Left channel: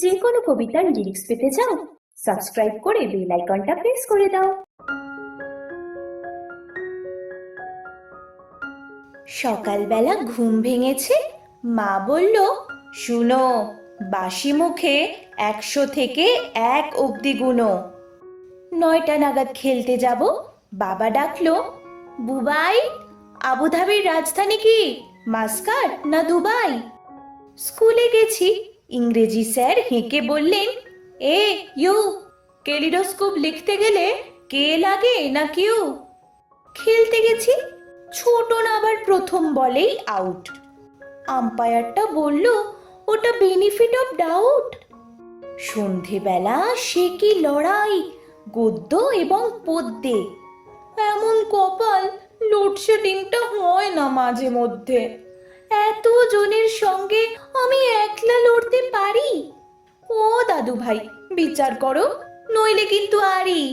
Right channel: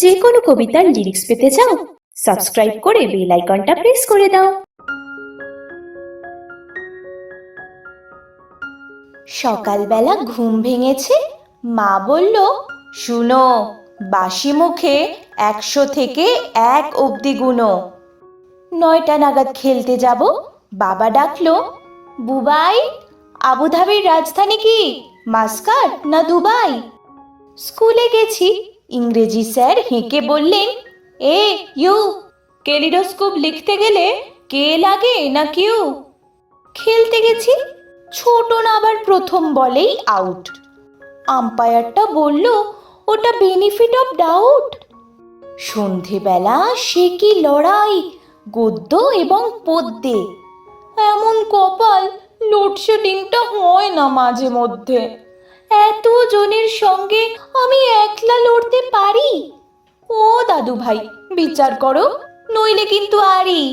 যে কোনো কবিতার লিরিক্স পেতে চাও সাবস্ক্রাইব করে বেল আইকনটা প্রেস করে দাও। সকালবেলা ঘুম ভেঙেছে, মা বলল, শুনো, বাসি মুখে একশো থেকে এক অবধি গুনো। নয়টা নাগাদ খেলতে যাব, বাবা ডাকলো, বুবাই, আবুধাবির রাজধানী কি, মাস্কাট না দুবাই? স্কুলে গেছি ইংরেজি স্যার হেঁকে বললেন, এ, ইউ কেলিডোস্কোপ লিখতে গেলে কে লাগে না কিউ খেলতে গেছি, ছোট না আবার প্রথম বলেই আউট আম্পায়ারটা বলল, ওটা বেনিফিট অফ ডাউট সন্ধেবেলা সে কি লড়াই, গদ্য এবং পদ্যে? এমন কপাল লোডশেডিংটা হয় না মাঝে মধ্যে। এত জনের সঙ্গে আমি দাদু ভাই বিচার করো নইলে কিন্তু আরই।